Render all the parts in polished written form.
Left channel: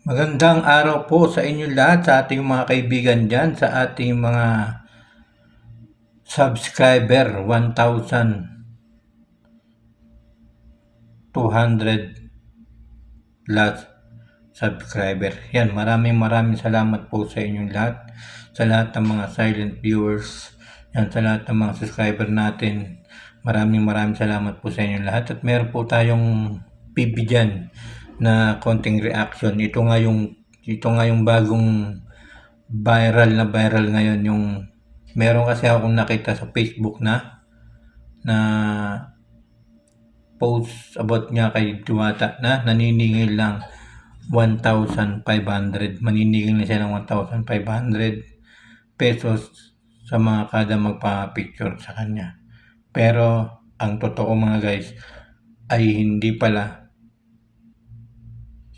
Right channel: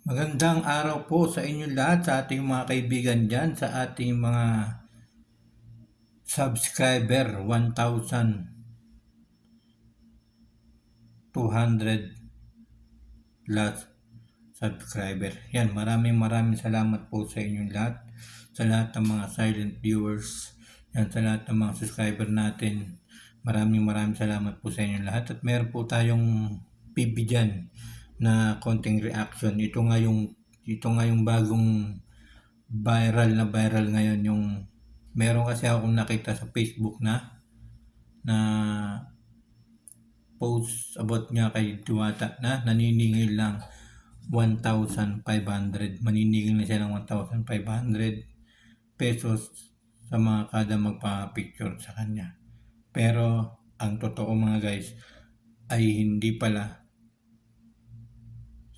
Magandang araw po sa inyo lahat, sa ating mga kaibigan dyan, sa ating mga subscriber, 1,200 plus subscriber. Yan, maraming salamat po sa inyo lahat, sa lahat ng mga silent viewers, yan, sa lahat ng mga subscriber natin. Maraming salamat po sa inyo lahat, at meron po tayong PB dyan na konting reaction. Ito nga yung bagong viral ngayon, yung meron kasi akong nakita sa Facebook na post about nga kay Diwata na naniningil lang 1,500. Maniningil na siya ng 1,500 pesos sa mga kada magpa-picture sa kanya. Pero ang totoo mga guys ay hindi pala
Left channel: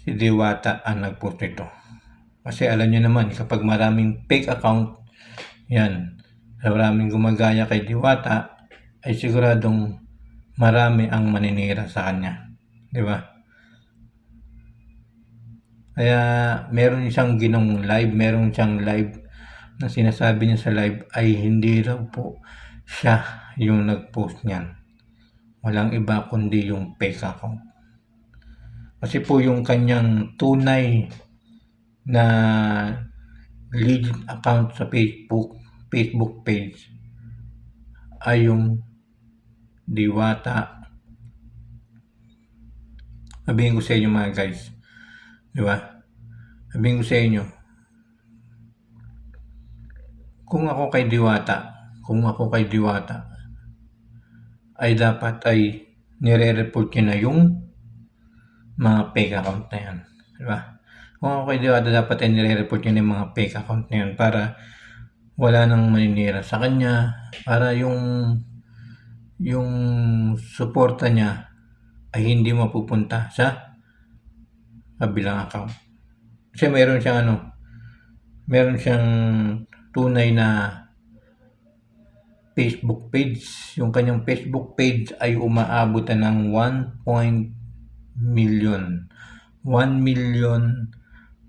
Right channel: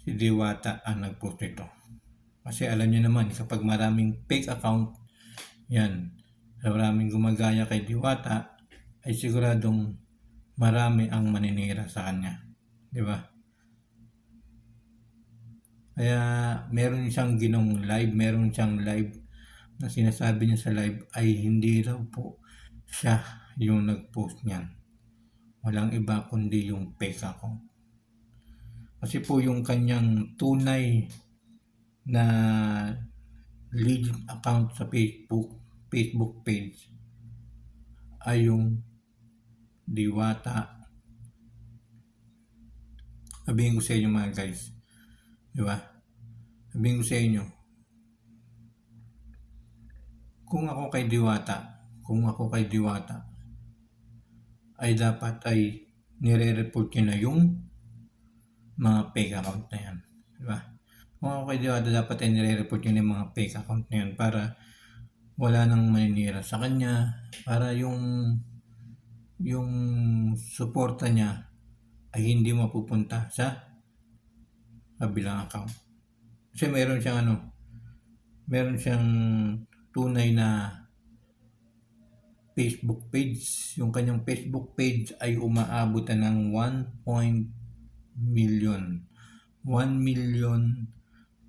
si Diwata ang nag-post nito. Kasi alam niyo naman, kapag maraming fake account, yan, maraming gumagaya kay Diwata, ay siguradong marami ang maninira sa kanya. Di ba? Kaya meron siyang live na sinasabi niya sa live ay hindi raw po siya yung nag-post niyan. Walang iba kundi yung fake account. Kasi po yung kanyang tunay na legit account sa Facebook page ay yung Diwata. Sabihin ko sa inyo mga guys, di ba? Sabihin ko sa inyo, kung ako kay Diwata, ay dapat ay nire-report niya na yung mga fake account na yan. Di ba? Kung ako kay Diwata, dapat ay nire-report niya na yung mga fake account na yan para wala nang maninira sa kanya, para yung suporta niya ay hindi mapupunta sa kabilang account. Kasi meron siyang tunay na Facebook page. Yung kanyang Facebook page ay umaabot na ng 1 million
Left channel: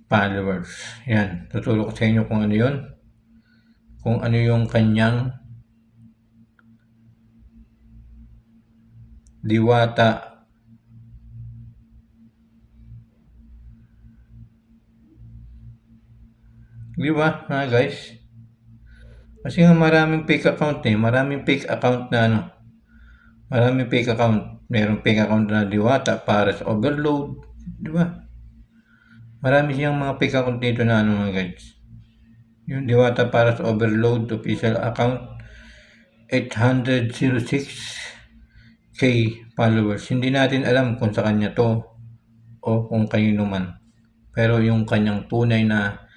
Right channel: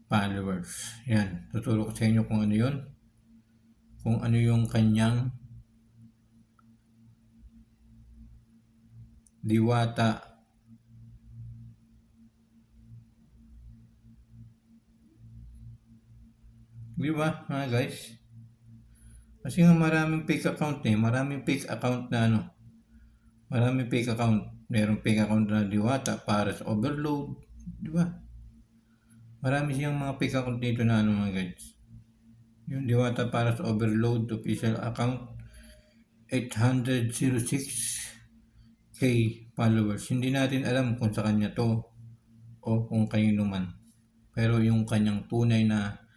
followers. Yan, tuturo ko sa inyo kung ano yun. Kung ano yung kanyang Diwata di ba mga guys? Kasi nga maraming fake account maraming fake account merong fake account na Diwata para sa overload, di ba? Marami siyang mga fake account dito na mga guys. Yung Diwata para sa overload official account, 806k followers. Hindi natin alam kung sa kanya to o kung kanino man. Pero yung kanyang tunay na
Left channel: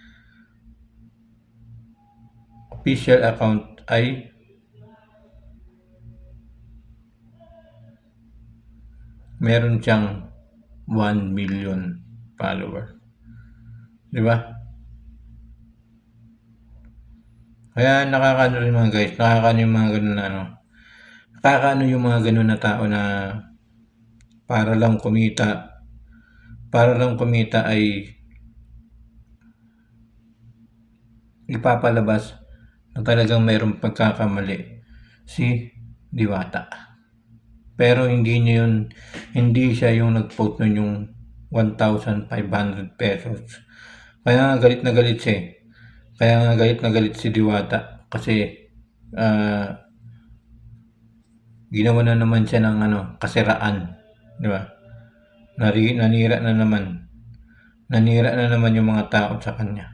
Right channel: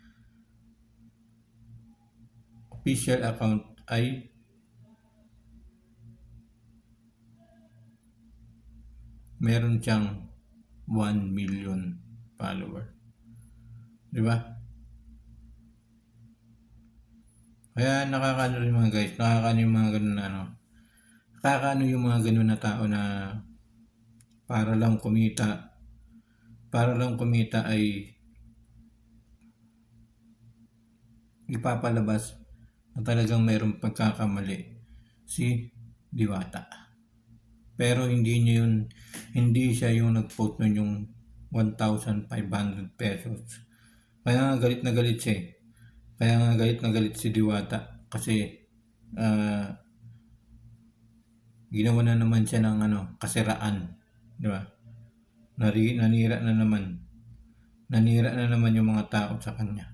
official account ay meron siyang 1 million followers. Di ba? Kaya nakakaano rin mga guys, nakakaano yung mga ganun na nakakaano yung mga ganun na tao na para lang kumita ay ipapalabas na talagang mayroong pagkakamali si Diwata. Pero hindi siya yung nag-post nun yung 1,500 pesos. Kaya nga galit na galit siya. Kaya nga galit na galit si Diwata kasi ginawa na naman siya ng kasiraan, di ba? Nanira na naman yung mga tao sa kanya.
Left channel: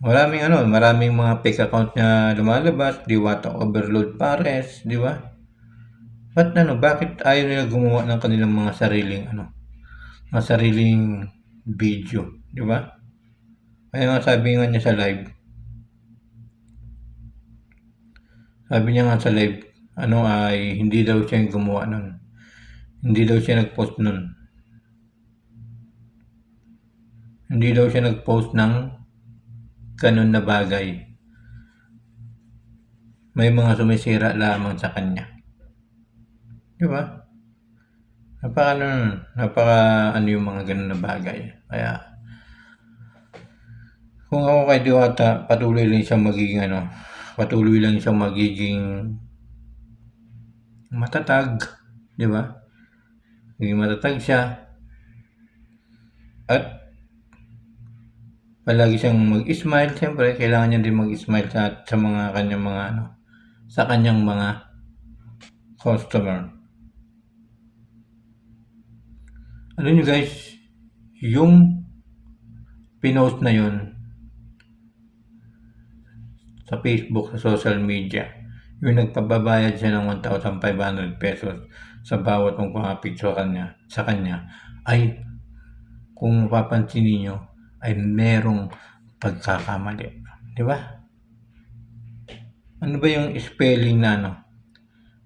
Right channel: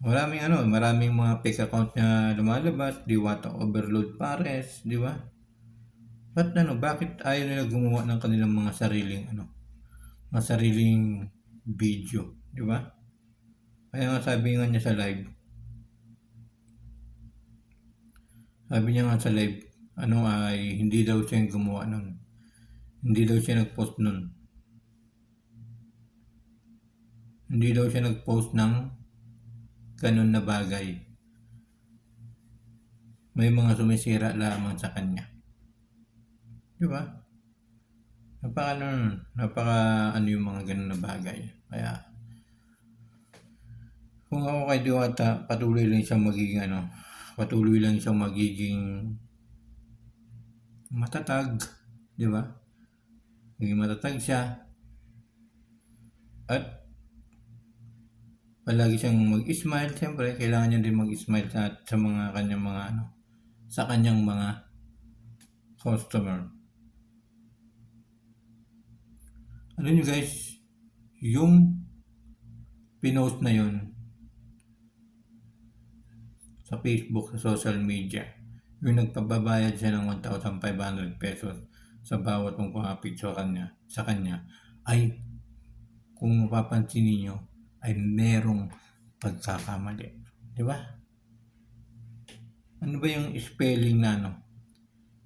Maraming mga fake account na lumalabas, Diwata Overload Pares, di ba? Bakit ayaw nila gumawa ng kanilang mga sariling video, di ba? Kaya nga sabi niya sa live, ay hindi daw siya yung gumawa nun. Hindi daw siya nag-post nun. Hindi daw siya nag-post ng ganun na bagay. May mga sumisira lamang sa kanya. Di ba? napaka-ano yung mga gano'n na bagay. Kaya kung ako kay Diwata, patuloy lang siyang magiging matatag, 'di ba? Maging matatag siya at palagi siyang mag-smile. Siyempre kailangan niya din mag-smile sa mga kanyang mga sa kanyang mga customer. Alam niyo guys, yung pinost na yun sa Facebook, sa social media, yung nagpababayad siya ng 1,500 pesos sa bawat magpapapicture sa kanya, ay kung mapapansin niyo ay merong pagkakamali. Di ba? Ano ba yung spelling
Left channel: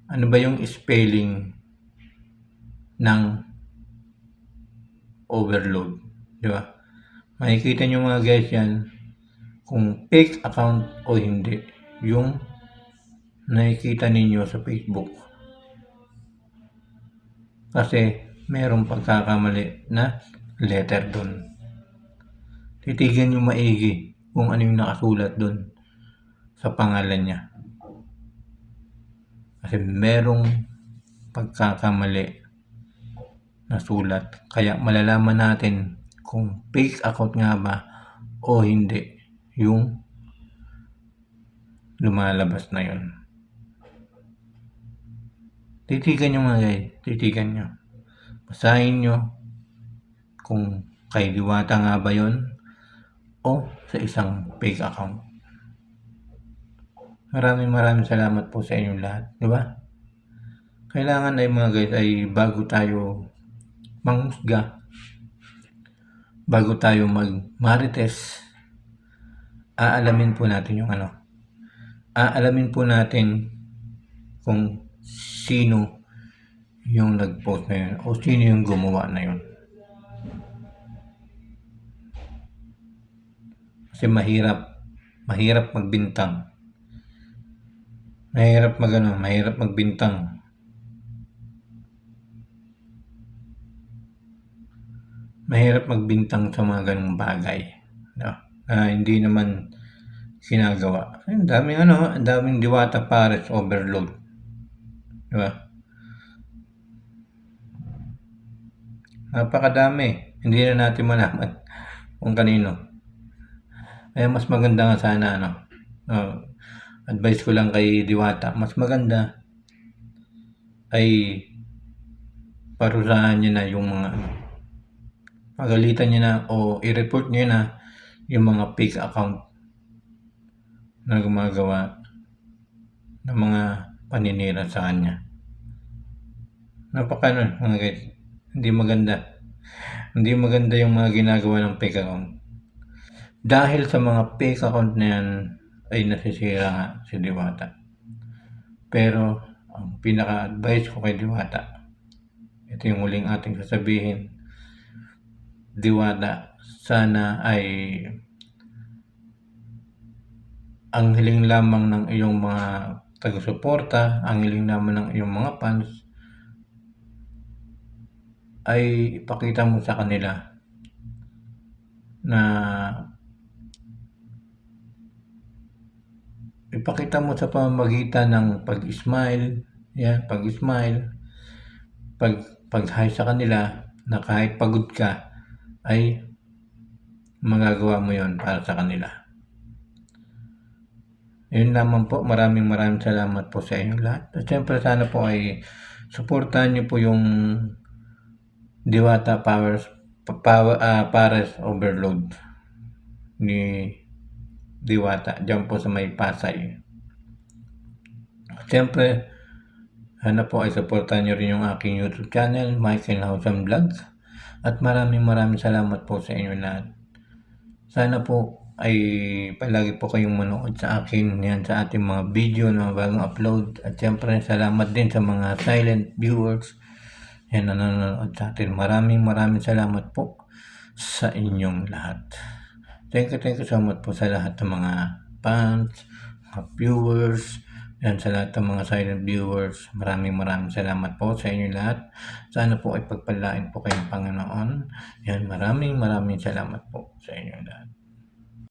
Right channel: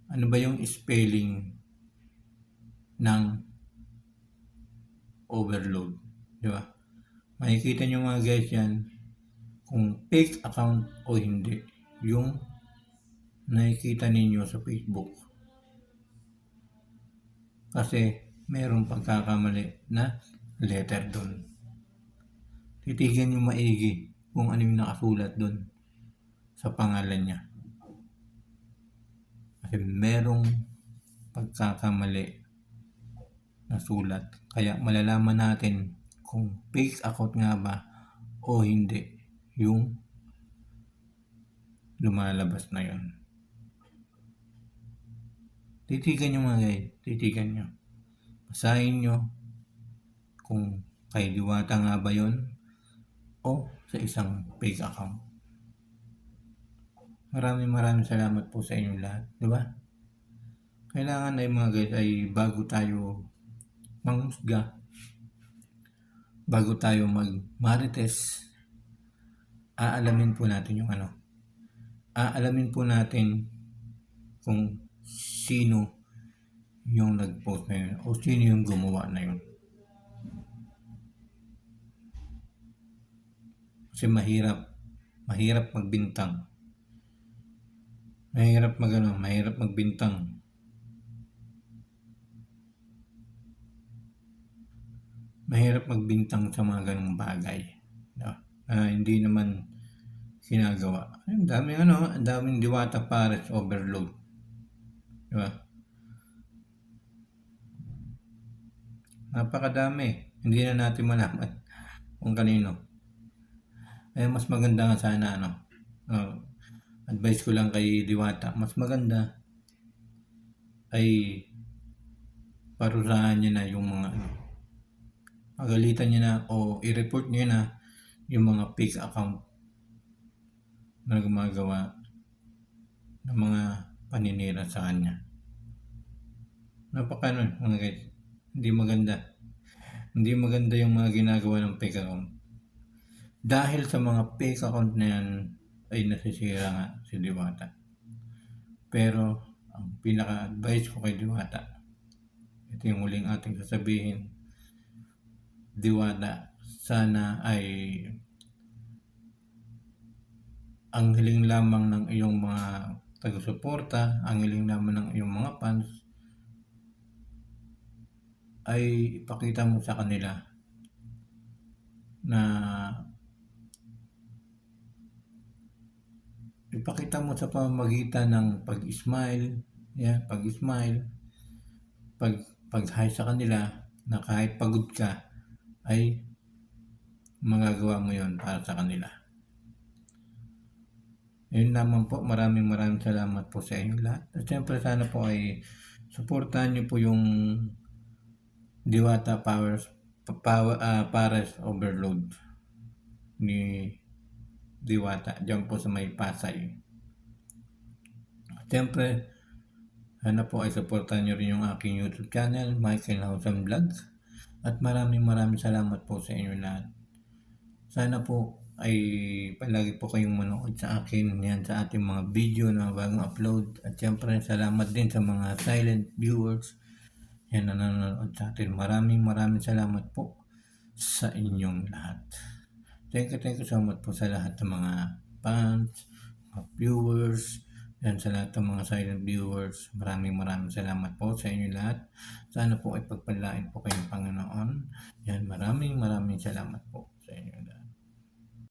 Ano ba yung spelling ng overload? Di ba? Makikita niyo mga guys yan kung fake account o hindi yung nakikita ninyo sa Facebook. Kasi merong pagkakamali na letter doon. Titigan nyo maigi kung ano yung nakasulat doon sa pangalan niya. Kasi merong pagkakamali na sulat. Kaya malalaman natin kung fake account nga ba o hindi yung lumalabas na yun. Titigan nyo mga guys, titigan nyo. Basahin nyo kung kay Diwata nga ba yun o sa isang fake account. Maraming salamat po sa inyong lahat, di ba? Kailangan ay mga guys ay bago tayo manghusga, bago tayo mag-marites, aalamin po natin kung sino yung nag-post na yun o sino yung gumawa na yun. Kasi mahirap magbintang. Mahirap magbintang. Mahirap magbintang sa mga ganung bagay. No? Hindi naman ginagawa. Ang daming Diwata Pares overload. Diba? Napakadami. Hindi na natin malaman kung kanino. Kaya mas maganda nga sana advice ko lang kay Diwata, mas maganda ay parusahan niya na yung mga pagalitan niya na o i-report niya na yung mga fake account na gumagawa ng mga paninira sa kanya. Mga guys, hindi maganda yung mga ginagawa ng fake account. Dahil sa mga fake account na yan ay nasisira nga si Diwata. Pero ang pinaka-advice ko kay Diwata, ito yung muling ating sasabihin, Diwata, sana ay ang hiling lamang ng iyong mga taga-suporta, ang hiling lamang ng iyong mga fans ay ipakita mo sa kanila na ipakita mo sa pamamagitan ng pag-smile, pag-hi sa kanila na kahit pagod ka ay magagawa mo yon para sa kanila. Yun lamang po. Maraming salamat po sa inyong lahat. At syempre sana po ay suportahan niyo po yung Diwata Pares overload ni Diwata dyan po sa may Pasay. Siyempre sana po ay suportahan niyo rin yung aking YouTube channel, Michael Hausan Vlog. At maraming salamat po sa inyo lahat. Sana po ay palagi po kayong manood sa akin yan sa ating mga video na bagong upload. At siyempre salamat din sa mga silent viewers yan na nanonood sa atin. Maraming salamat po sa inyong lahat. Thank you so much po sa lahat ng mga fans, mga viewers, Yan sa lahat ng mga silent viewers, maraming salamat po sa inyo lahat. Sana po ay pagpalain po kayo ng Panginoon. Yan, maraming salamat po.